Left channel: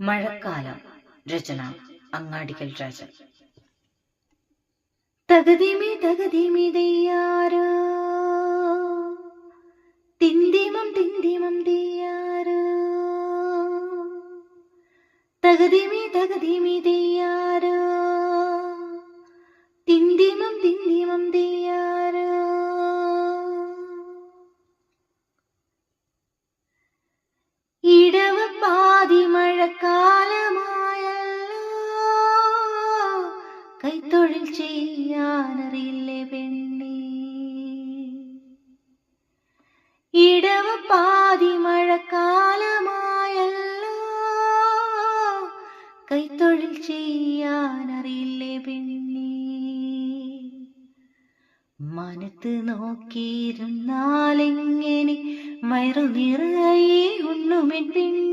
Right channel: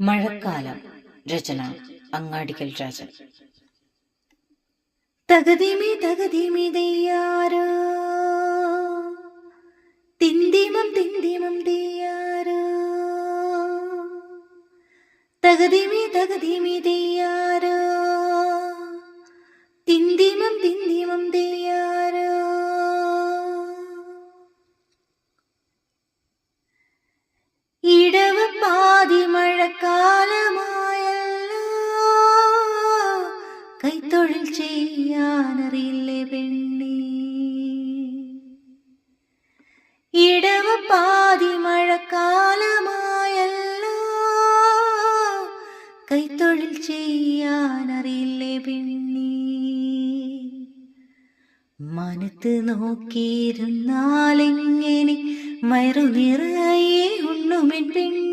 മഴക്കാലം. രചന അങ്ങാടിക്കൽ രാജൻ. തകതിമി തകതിമി ദയ്യാരോ തിന്തിമം തിന്തിമം തെയ്യാറ് തകതിമി തകതിമി തെയ്യാറ് തിന്തിമം തിന്തിമം ദയ്യാരോ ചെയ്യാനറിയില്ലേ പെണ്ണി ഇടവ പാതി മഴക്കാലമായല്ലോ. കൈത്തൊഴിൽ ചെയ്യാനറിയില്ലേ പെണ്ണി മനത്ത് നോക്കിയിരുന്നാലെങ്ങനെ മയറു നിറയെ ഉണ്ണുമെൻ പെണ്ണേ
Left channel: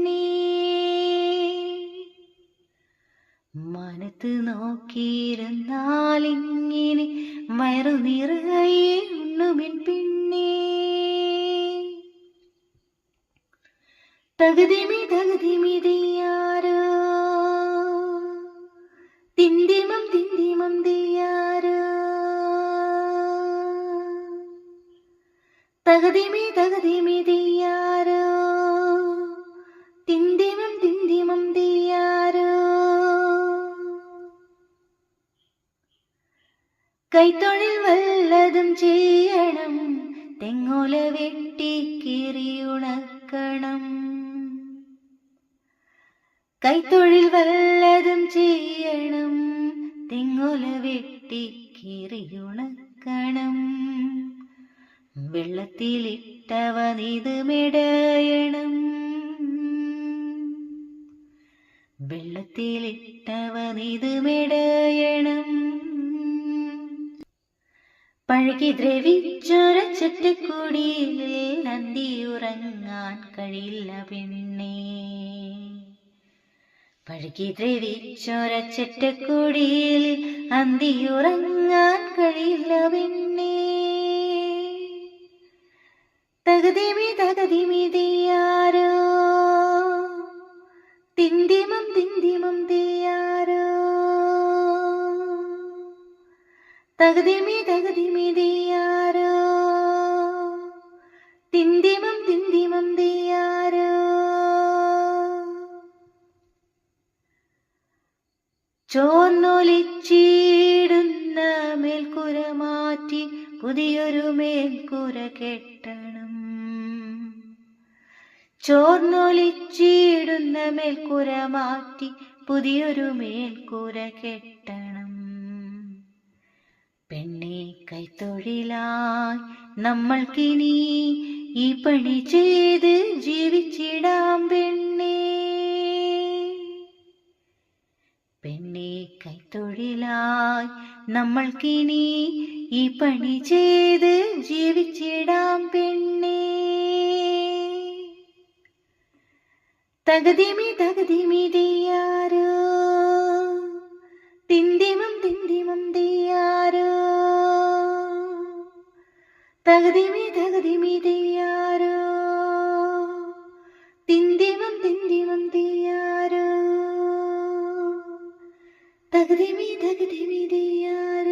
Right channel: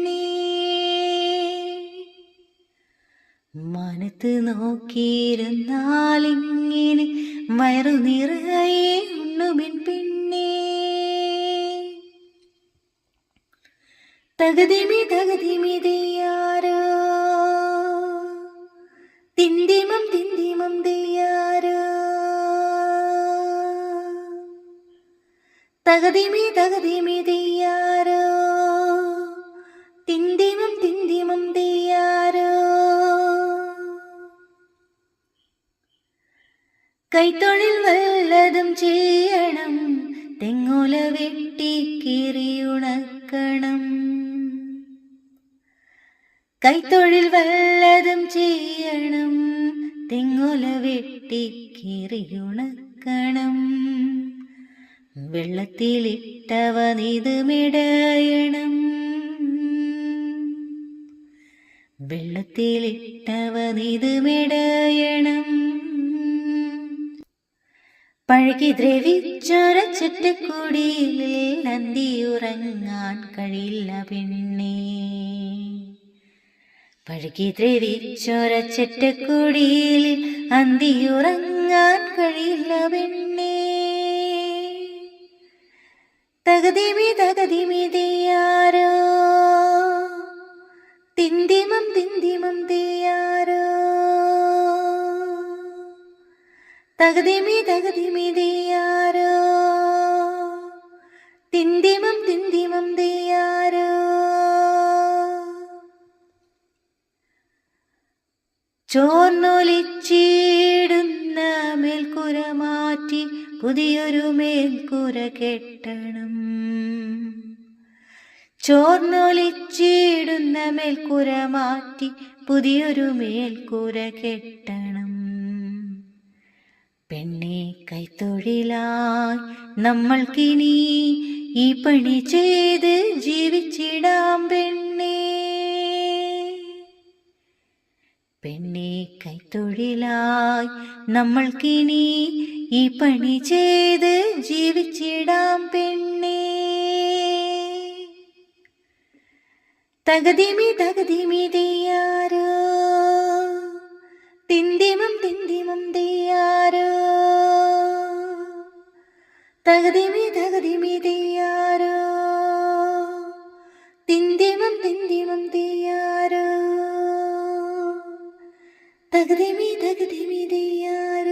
മനത്ത് നോക്കിയിരുന്നാലിങ്ങനെ വയറു നിറയെ ഉണ്ണുമിൻ പിന്നെ തകതിമി തകതിമി തിന്തിമം തിന്തിമം ദയ്യാരോ തകതിമി തകതിമി ദയ്യാരോ കൈത്തൊഴിൽ വല്ലതും ചെയ്യണം. തെങ്ങോല വെട്ടി കീറിയുണക്കണം. കൈത്തൊഴിൽ വല്ലതും ചെയ്യണം. തെങ്ങോല വെട്ടി കീറിയുണക്കണം. വെള്ളത്തിലിട്ടവ നിതുമിടയണം വെള്ളത്തിലിട്ടവ നീതുമിടയണം പഴകി ദ്രവിച്ചൊരച്ചട്ടക്കൂടിയിൽ നന്ദി ഉറങ്ങാൻ കഴിയില്ല പെണ്ണേ. പഴകി ദ്രവിച്ചൊരച്ചട്ടക്കൂടിയിൽ അന്തി ഉറങ്ങാൻ കഴിയില്ല പെണ്ണേ. തകതിമി തകതിമി ദയ്യാരോ തിന്തിമം തിന്തിമം ദയ്യാരോ തകതിമി തകതിമി ചോർന്നൊലിച്ചിടുന്ന മേൽക്കുര മാറ്റി പുതിയൊരു മേൽക്കുര കെട്ടണം. ചോർന്നൊലിച്ചിടുന്ന മേൽക്കുര മാറ്റി പുതിയൊരു മേൽക്കുര കെട്ടണം. പെണ്ണെ കൈത്തൊഴിലായി നമ്മൾക്കിനി ഈ പണി ചെയ്ത് ജീവിച്ചിടാം പെണ്ണേ. പെണ്ണെ കൈത്തൊഴിലായി നമ്മൾക്കിനി ഈ പണി ചെയ്ത് ജീവിച്ചിടാം പെണ്ണേ. തകതിമി തകതിമി ദയ്യാരോ തിന്തിമം തിന്തിമം ദയ്യാരോ തകതിമി തകതി തകതിമി തകതിമി ദിയാര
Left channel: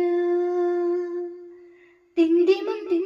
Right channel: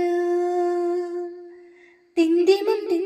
തിന്തിമം തിന്തി